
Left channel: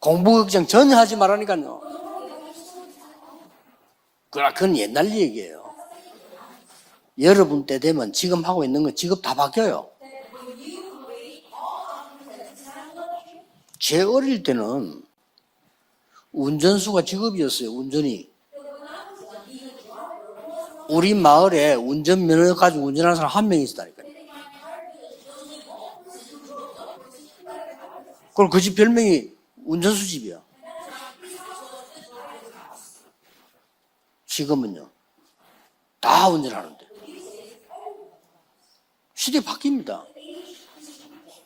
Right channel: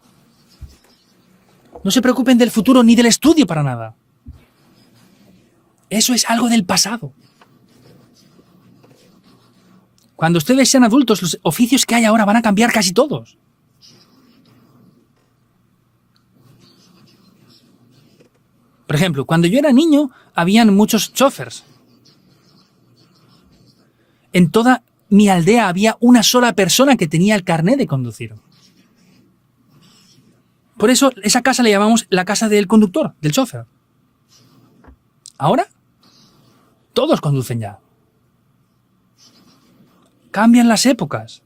공부 걱정 전혀 하지 말라니까요. No se preocupen del futuro ni del estudio para nada. 그건 옛날 얘기예요. Eso es algo del pasado. 여러분 때 되면 지금 하고 있는 건 직업 다 바뀌어요. Cuando ustedes sean adultos, los oficios que hay ahora van a cambiar casi todos. 제 어릴 때는 운전수가 직업이었어요. 운전이. Por ejemplo, cuando yo era niño, habían muchos 우리 chóferes. 마을에 운전면허 가지고 운전하는 사람 한 명 있었다니까요. En toda mi aldea había una sola persona que tenía el carnet de conducir. 그럼 그 집 별명이 운전수 집이야. Por eso esa casa le llamamos la casa del conductor, del chofer. 지금은요. Ahora 다 운전하는데. todos conducen ya. 시대 바뀝니다. Cambian las épocas.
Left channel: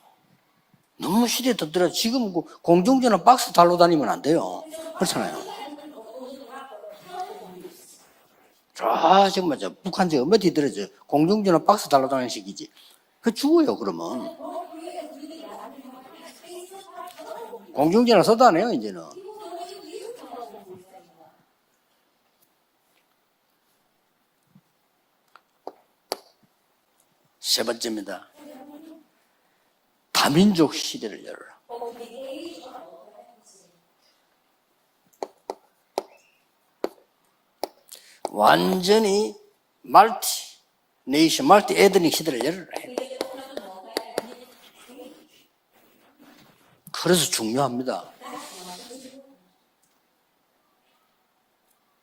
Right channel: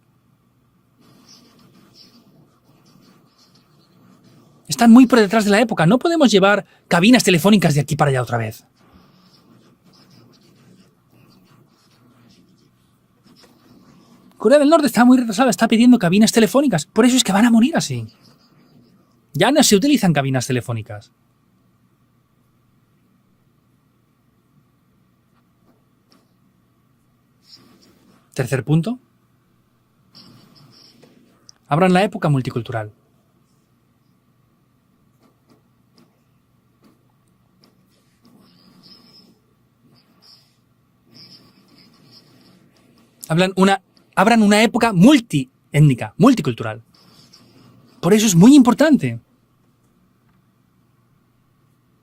너무 시대에 덮들어. 지금 공중전화 박스 달로 다니면 안 돼요. Están muy por detrás de la época. No podemos llevar cabinas telefónicas de aquí para allá otra vez. 정말 북한 저 엄마 뒤들어져. 공중전화 박스 달로 다니는 시기지. 그 죽어요 그러면. Corea del Norte está muy retrasada, está pidiendo cabinas telefónicas. Por eso es que van a morir así. 공중전화 써도 안 해요 이제는. Ya no se utilizan cabinas telefónicas. 세 번째입니다. Tercer punto. 다민족 시대를 열어라. Abran la época multicultural. 완전히 멀티 에드닉 시대를 열어라. Abran una época multiétnica, multicultural. 그래서 중요합니다. Por eso es muy importante.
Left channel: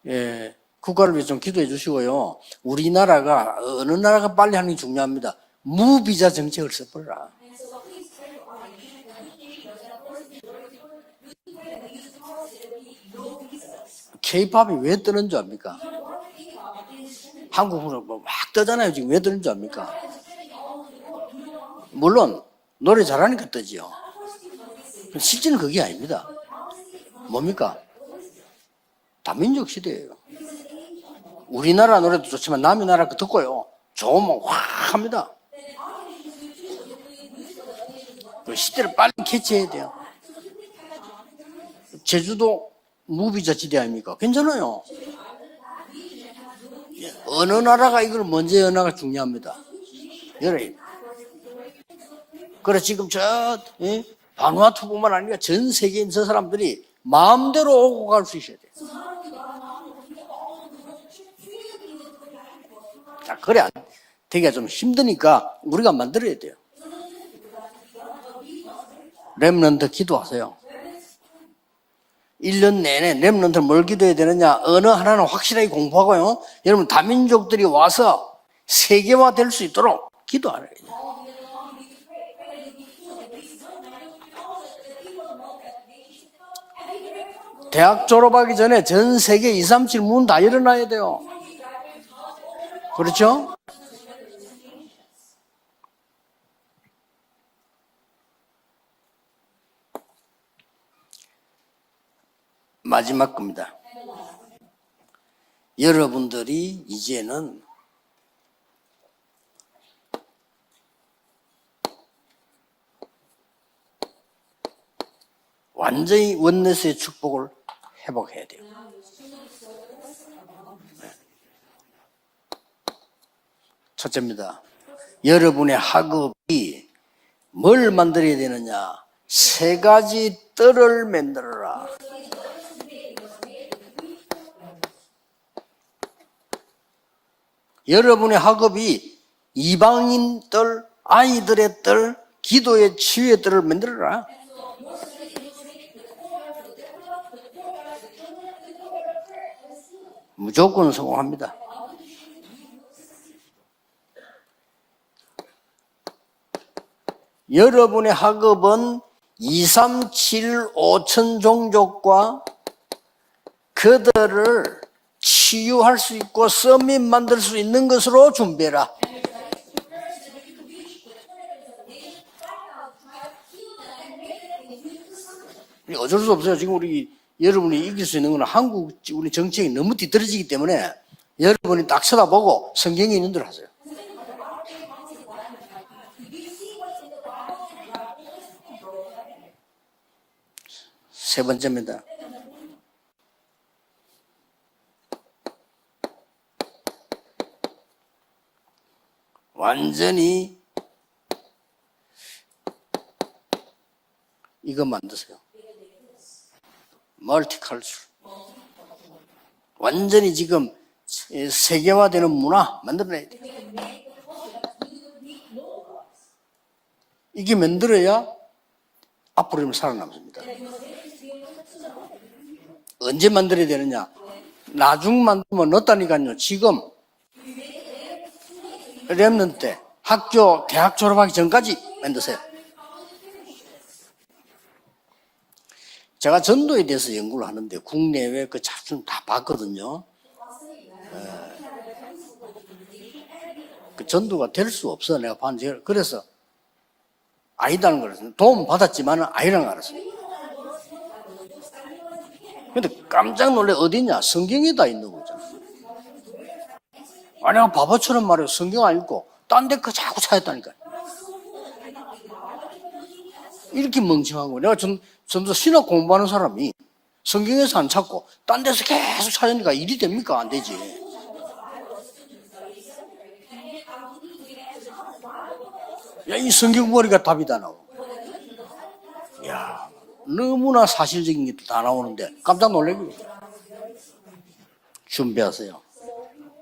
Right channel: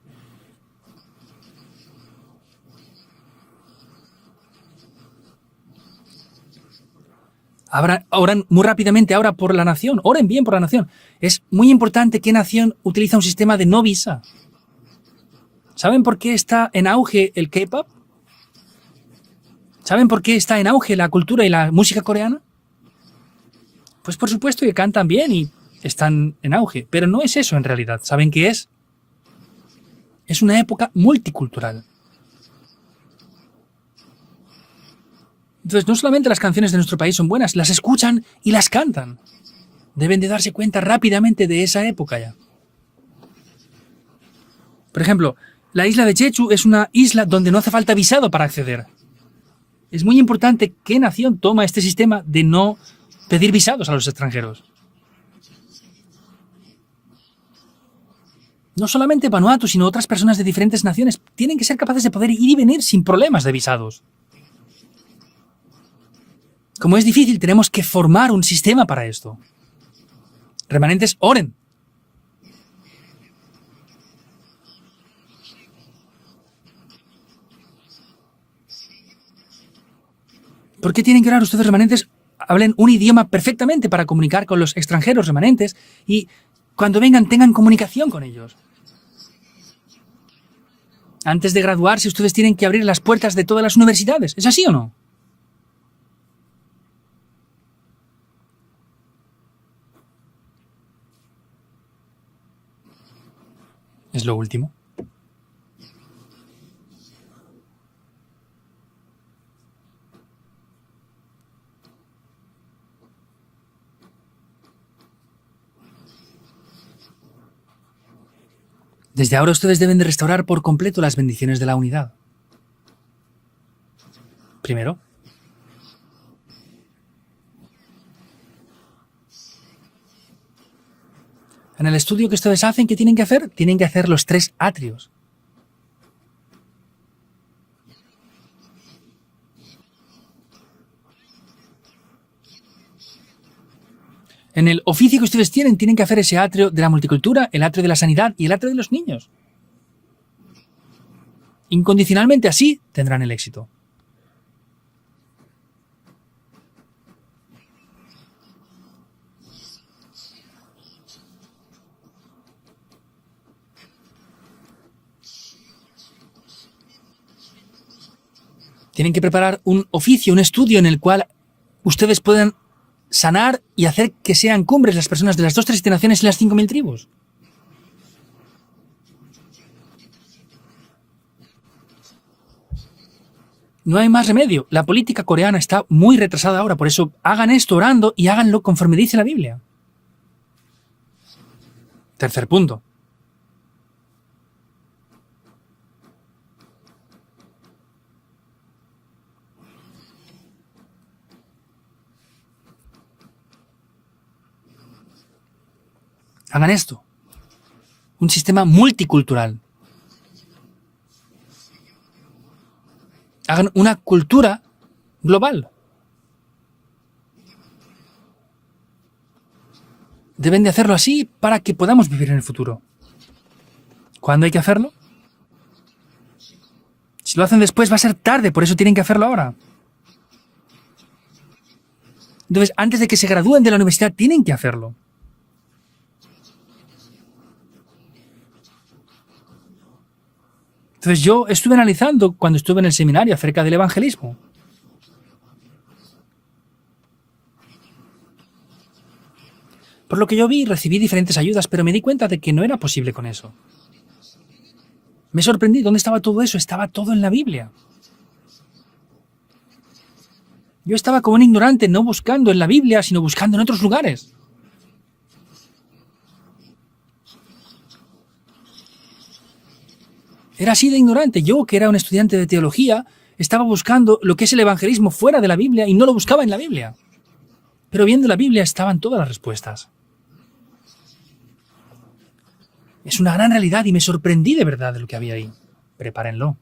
예, 국가를 위해서 좀 기도해 주시고요. 우리나라가 어느 나라가 빨리 하는 게 중요합니다. 무비자 정책을 써버려라. Oran muy rápidamente ahora por la nación. Oren bien por la nación. Es muy importante qué nación utiliza un sistema de no visa. K-팝이 왜 뜨는 줄 압니까? ¿Saben por qué está en auge el K-pop? 한국으로 막 뜨잖아요. 지금 왜 뜨는 줄 압니까? ¿Saben por qué está en auge la cultura y la música coreana? 물론 노래 잘하니까 뜨지요. Pues por supuesto que cantan bien y están en auge. Pero no es eso en realidad. ¿Saben qué es? 다민족 시대예요. Es una época multicultural. 우리나라 노래도 좋지만 남의 나라 거 듣고요. 좋으면 확 합니다. Entonces, no solamente las canciones de nuestro país son buenas, las escuchan y las cantan. 빨리 캐치해야 돼요. Deben de darse cuenta rápidamente de esa época. 제주도 무비자 지대 아닙니까? 괜찮아요. Por ejemplo, la isla de Jeju es una isla donde no hace falta visado para acceder. 나라가 중요합니다. Es muy importante qué nación toma este sistema de no 그래 지금 저 pedir visados a los extranjeros. 바누아투뿐만 아니라 전 세계인 저 사람들이 마음대로 오고 갈 수 있어야 돼. No solamente Vanuatu, sino otras personas de diferentes naciones tienen que ser capaces de poder ir y venir sin problemas de visados. 되게 좀 힘드니까 우리가 만들어야 돼요. Como es difícil, tenemos que formar un sistema para esto. 렘넌트 기도하세요. Remanentes, oren. 1년 내내 렘넌트 뭘 기도해야 되느냐? 언어 하나는 확실하게 공부하고요. 여러분 다민족들이 와서 세계화 될 수 있도록 기도하래요. ¿Por qué tienen que orar ustedes, remanentes? Hablen un idioma perfectamente para comunicar con los extranjeros remanentes y cuando vengan tengan 대학 comunicación. 졸업하기 전에 전 세계 237 문 다 열어놔야 돼요. Antes de graduarse, ustedes tienen que abrir las ¿Por puertas eso? de todas las universidades. ¿Es así o no? 마지막 겁니다. Es lo último. 여러분들이 이제는 완전히 원내스의 축복을 회복해야 돼요. Desde ahora ustedes deben de restaurar por completo las bendiciones de la unidad. 첫째입니다. Primero, 여러분의 학업이 뭘 만들어야 되느냐? 세 가지 뜰을 만들어라. en el estudio que ustedes hacen, ¿qué tienen que hacer? Tienen que hacer los 3 atrios. 여러분의 학업이 이방인 뜰, 아이들의 뜰, 기도의 치유의 뜰을 만들어라. En el oficio que ustedes tienen que hacer ese atrio de la multicultura, el atrio de la sanidad y el atrio de los niños. 무조건 성공합니다. Incondicionalmente así tendrán el éxito. 여러분의 학업은 2, 3, 7, 5천 종족과 그들을 치유할 수 있고 서밋 만들 수 있는 것으로 준비해라. Tienen que preparar un oficio, un estudio en el cual ustedes puedan sanar y hacer que sean cumbres las personas de las 2 3 naciones y las 5.000 tribus. 여러분이 이길 수 있는 건 한국 우리 정책이 너무 뒤떨어지기 때문에 여러분이 딱 쳐다보고 성경에 있는 대로 하세요. No hay más remedio. La política coreana está muy retrasada ahora, por eso hagan esto orando y háganlo conforme dice la Biblia. 세 번째입니다. Tercer punto. 완전히 이거 만드세요. Hagan esto. 멀티컬처. Un sistema multicultural. 완전히 지금 세계화되는 문화 만들어내야 돼요. Hagan una cultura global. 이게 만들어야 앞으로 살아남습니다. Deben de hacerlo así para que podamos vivir en el futuro. 언제 만들어야 되느냐? ¿Cuándo hay que hacerlo? 나중 만들면 늦다니까요. 지금 Si lo hacen después va a ser tarde, por eso tienen que hacerlo ahora. 렘넌트 때 학교 대학 졸업하기 전까지 만드세요. Entonces, antes de que se gradúen de la universidad, tienen que hacerlo. 제가 전도에 대해서 연구를 하는데 국내외 그 자료를 다 봤거든요. Entonces, yo estuve analizando cuando estuve en el seminario acerca del evangelismo. 전도가 될 수 없어 내가 봤는데 그래서 아니다는 걸 알았어요. 도움 받았지만 아니라는 걸 알았어요. Por lo que yo vi, recibí diferentes ayudas, pero me di cuenta de que no era posible con eso. 깜짝 놀래 어디냐? 성경에 다 있는 거죠. Me sorprendí, ¿dónde estaba todo eso? Estaba todo en la 내가 Biblia. 바보처럼 말해요. 성경 안 읽고 딴 데 그 자꾸 찾았다니까요. Yo estaba como un ignorante, no buscando en la Biblia, sino buscando en otros 이렇게 lugares. 멍청한 거. 내가 전도 신학 공부하는 사람이 성경에서 안 찾고 딴 데서 계속 찾으니까 일이 됩니까? 안 되지. Era así de ignorante. Yo, que era un estudiante de teología, estaba buscando lo que es el evangelismo fuera de la Biblia y no lo buscaba en 이 la 성경 Biblia. 보니까 답이 다 나오고 Pero viendo la Biblia estaban todas las respuestas. 너무나 사실적인 게 다 나오는데 깜짝 놀래고 Es una gran realidad y me sorprendí de verdad de lo que había ahí. 준비하세요. Prepárenlo.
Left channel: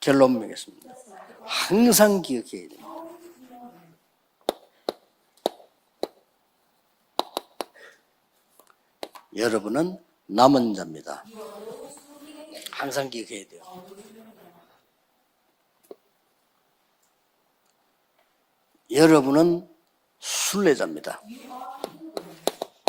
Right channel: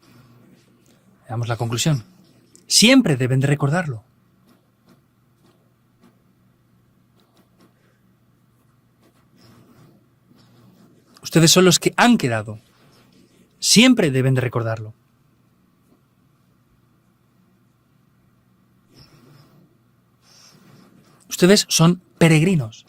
결론 맺겠습니다. Veamos la conclusión. 항상 기억해야 돼요. Siempre deben de recordarlo. 여러분은 남은 자입니다. Ustedes son los que han quedado. 항상 기억해야 돼요. Siempre deben de recordarlo. 여러분은 순례자입니다. Ustedes son peregrinos.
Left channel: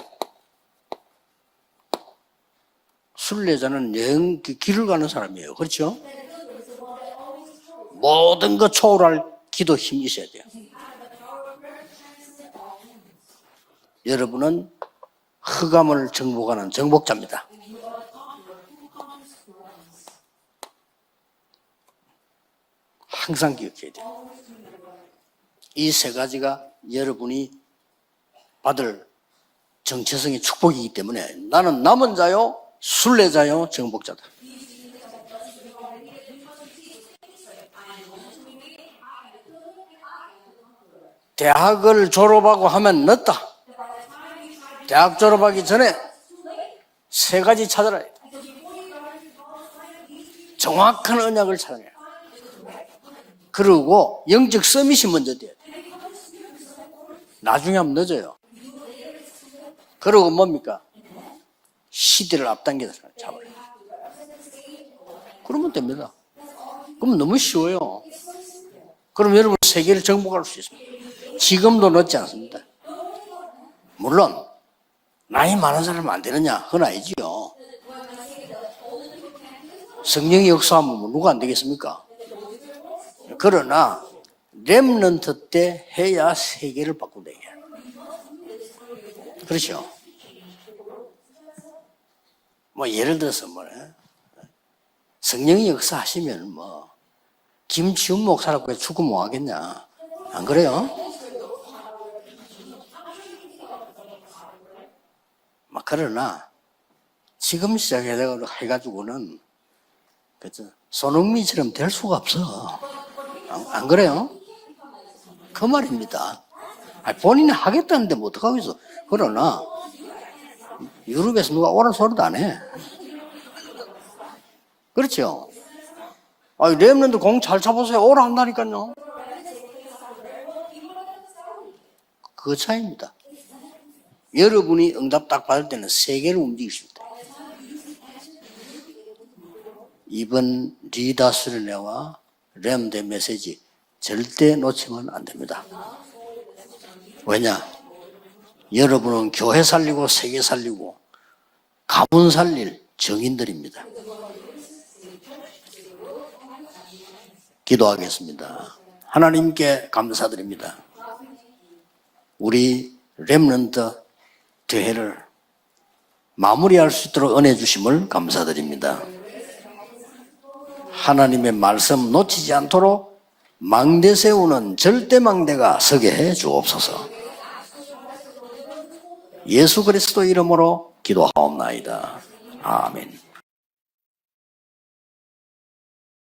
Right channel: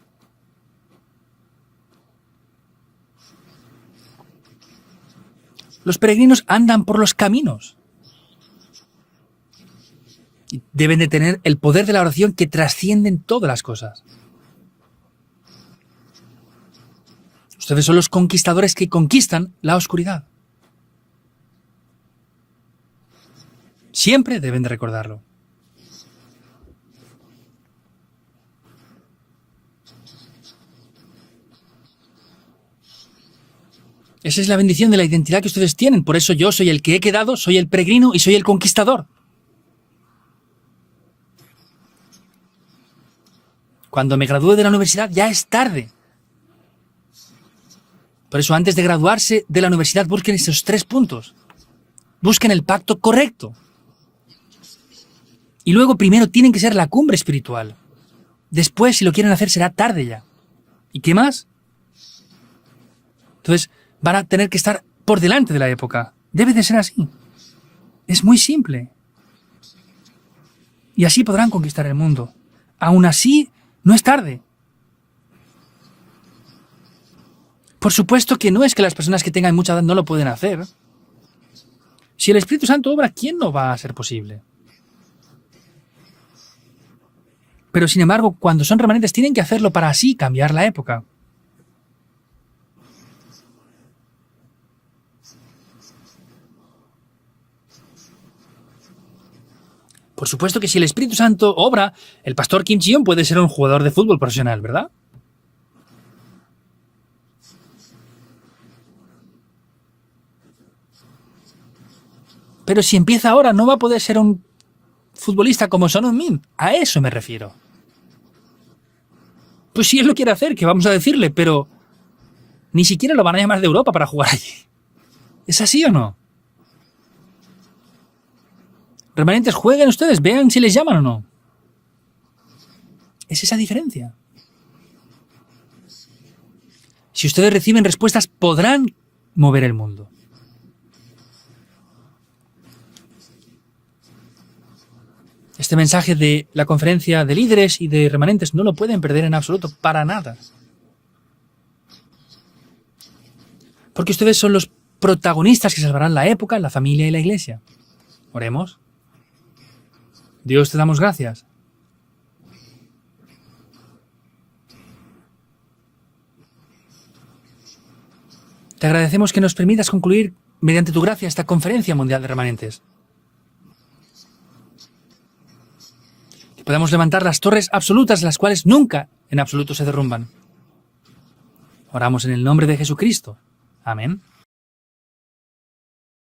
순례자는 여행 길을 가는 사람이에요. 그렇죠? Los peregrinos andan por los caminos. 모든 거 초월할 기도 힘이 있어야 돼요. Deben de tener el poder de la oración que trascienden todas las cosas. 여러분은 흑암을 정복하는 정복자입니다. Ustedes son los conquistadores que conquistan la oscuridad. 항상 기억해야 돼요. Siempre deben de recordarlo. 이 세 가지가 여러분이 받을 정체성의 축복이기 때문에 나는 남은 자요, 순례자요, 정복자다. Esa es la bendición de la identidad que ustedes tienen. Por eso yo soy el que he quedado, soy el peregrino y soy el conquistador. 대학을 졸업하고 하면 늦다. Cuando me gradué de la universidad 대학 ya es 졸업하기 전에 tarde. 세 가지 찾아라. Por eso antes de graduarse de la universidad busquen esos tres 정확한 puntos. 언약을 찾아라. Busquen el pacto correcto. 그리고 영적 서밋이 먼저 돼야 돼. Y luego primero tienen que ser la cumbre espiritual. 나중에 하면 늦어요. Después, si lo quieren hacer, será tarde. ya. 그리고 뭡니까? ¿Y qué más? 시대를 앞당겨서 잡아요. Entonces van a tener que estar por delante de la época. Debe de ser así. 그럼 너무 쉬워요. Es muy simple. 그럼 여러분 세계를 정복할 수 있습니다. Y así podrán conquistar 지금도 el 늦지 mundo. 않습니다. Aún así, no es tarde. 물론 나이 많은 사람은 안 되느냐? 그건 아니지요. Por supuesto que no es que las personas que tengan mucha edad no lo pueden 성령의 hacer. 역사하면 누가 안 되겠습니까? Si el Espíritu Santo obra, ¿quién no va a 그러나 hacer posible? 렘넌트 때 해야 세계를 바꾼다. Pero sin embargo, cuando son remanentes, tienen que hacerlo para así cambiar la época. 뭐 예를 들어서 뭐 성령의 역사하시면 뭐 김치훈 목사라고 해서 축구 뭐 하겠냐? Por supuesto que si el Espíritu Santo obra, el pastor Kim Ji-yoon puede ser un jugador de fútbol profesional, ¿verdad? 막 그러나 지금 시작해가지고는 그죠? 손흥민처럼 될 수가 없어. Pero si empieza ahora, no va a poder creo. ser un futbolista como Son 말입니다. Heung-min. A eso me 본인이 refiero. 하겠다는데 뭐 어떡하겠어. 그러나 Pues si él lo quiere hacer, ¿qué vamos a decirle? 그래서 누가 Pero 오란 소리도 안 해. ni siquiera lo van a llamar de Europa para jugar allí. 그렇죠? ¿Es así o no? 아니 렘넌트 공 잘 잡으세요. 오라 한다니까요. Remanentes, jueguen ustedes, vean si les llaman o no. 그 차이입니다. Es esa diferencia. 여러분이 응답 딱 받을 때는 세계를 움직일 수 있다. Si ustedes reciben respuestas, podrán mover el mundo. 이번 리더 수련회와 렘대 메시지 절대 놓치면 안 됩니다. Este mensaje de la conferencia de Vaya. líderes y de remanentes no lo pueden perder 여러분 en 교회 absoluto para 살리고 nada. 세계 살리고 가문 살릴 정인들입니다. Porque ustedes son los protagonistas que salvarán la época, la familia y la iglesia. 기도하겠습니다. Oremos. 하나님께 감사드립니다. Dios, te damos gracias. 우리 렘넌트 대회를 마무리할 수 있도록 은혜 주심을 Te 감사드립니다. agradecemos que nos permitas concluir mediante tu gracia esta 하나님의 conferencia 말씀 mundial de 놓치지 remanentes. 않도록 망대 세우는 절대 망대가 서게 해 Podemos 주옵소서. levantar las torres absolutas, las cuales nunca en absoluto 예수 se 그리스도 derrumban. 이름으로 기도하옵나이다. Oramos en el nombre de Jesucristo. Amén.